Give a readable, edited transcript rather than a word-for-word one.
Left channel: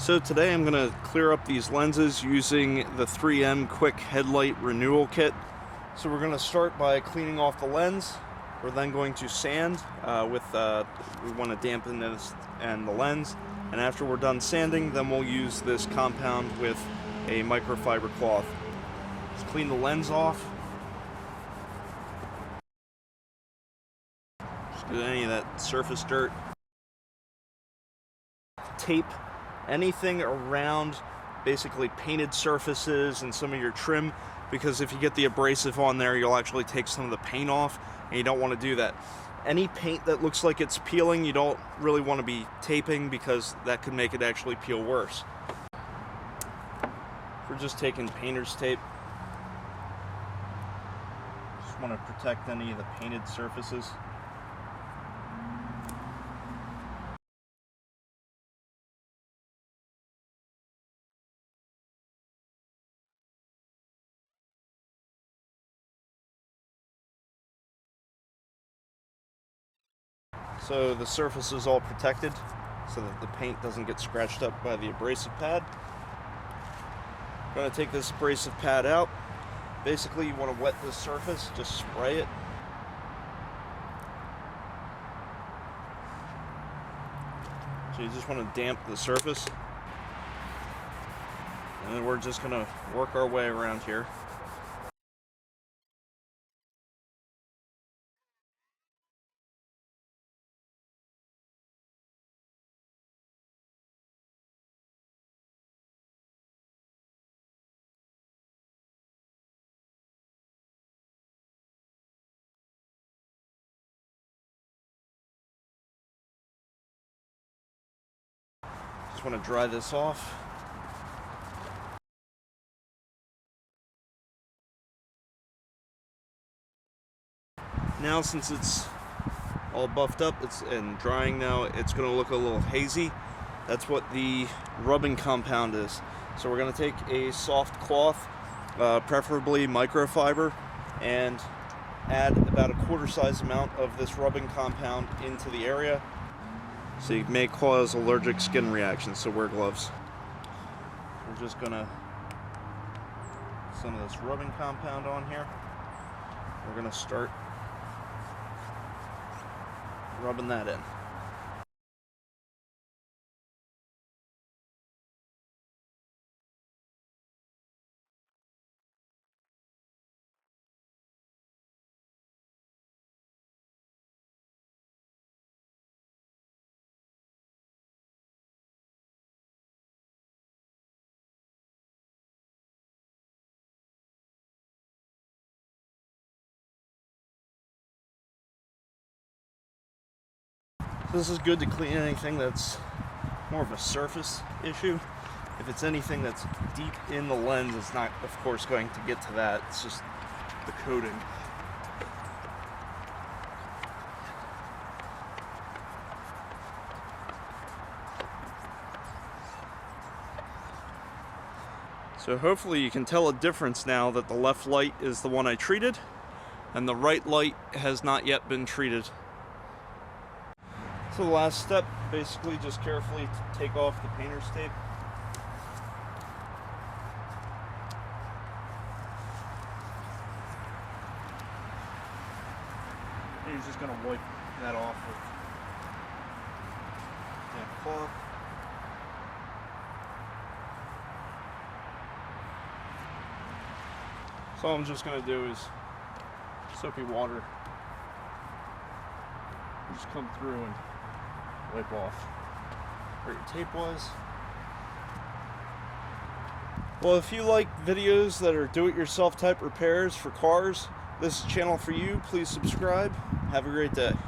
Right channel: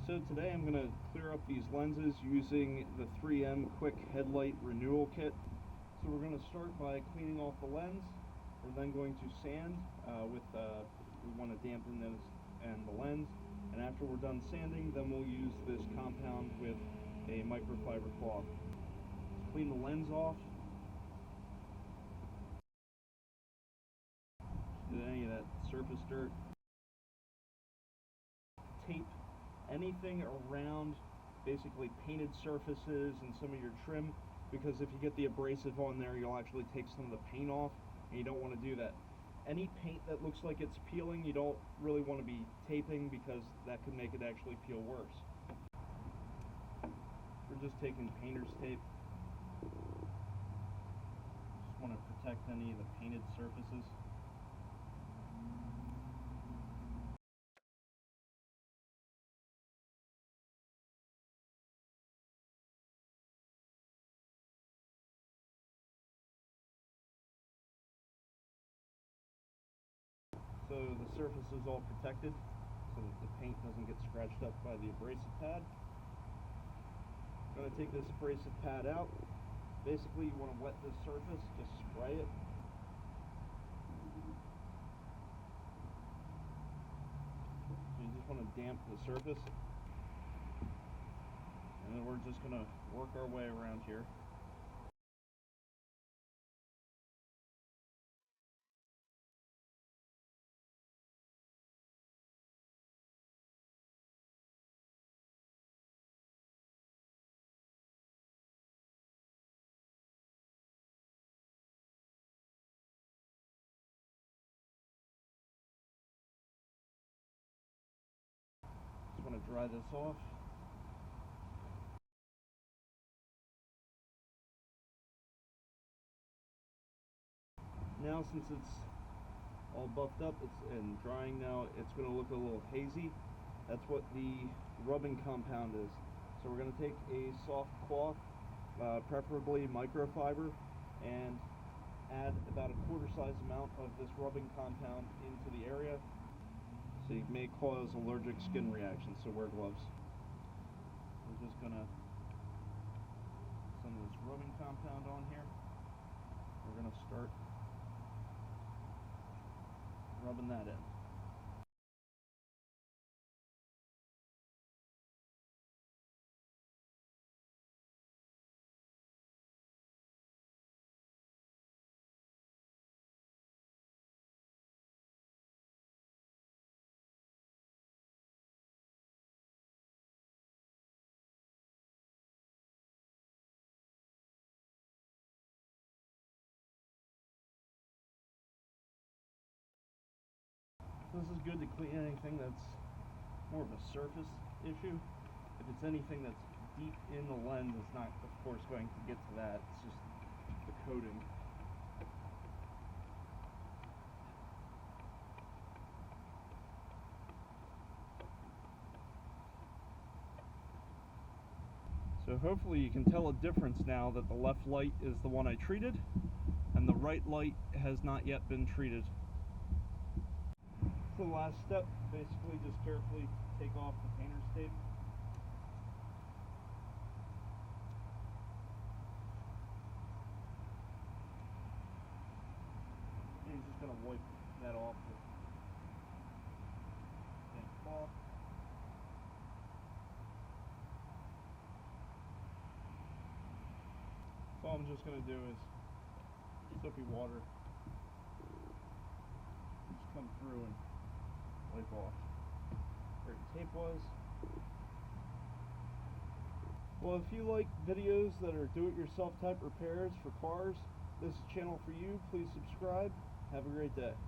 So today I'm going to clear up these lenses using the 3M Quick Headlight Renewal Kit. So we're going to start by cleaning off the lens. We're then going to sand we want to dampen this and the lens. And after we're done sanding, then we'll use this compound with a microfiber cloth. Let's clean the lens off. Just get any of that surface dirt. Tape anything around basically painted surfaces and some of your trim, because if you get the abrasive on there, you'll actually take some of the paint off, and you don't want to do that. Any paint that looks like it's peeling, you don't really want to be taping, because that could make it actually peel worse. We're just taking painter's tape. Just want to protect any of the painted surfaces. So the surface is all protected so that the paint doesn't get scratched up by the abrasive pad. I'm going to take this abrasive pad out. Basically, you want to wet this surface, just spray it. So you just want to damp the surface. And then we're just going to work our way around here. Just want to dry this off. Now, since it's all buffed up and drying now, it's going to look a little hazy. That's what the rubbing compound is. So we're going to take a soft cloth, preferably microfiber, and add about a quarter size amount of this rubbing compound into the area. So you may cause allergic skin reactions, so wear gloves. We're just going to put some of this rubbing compound on here. We're going to start rubbing that in. This is good to clean anything that's more of a surface issue. If it's anything that's deep in the lens, it's not, of course, going to get to that. It's just the coating. So hopefully you can tell a difference now that the left light is the one I treated and the right light has not yet been treated. So the last step, basically just carefully take off the painter's tape. And you're just going to wipe that off with a cloth. So all I'm just going to do is soapy water. Just come through and wipe off where your tape was. Well, if you like videos that are do-it-yourself type repairs for cars, this is a channel for you. Please subscribe. Have a great day.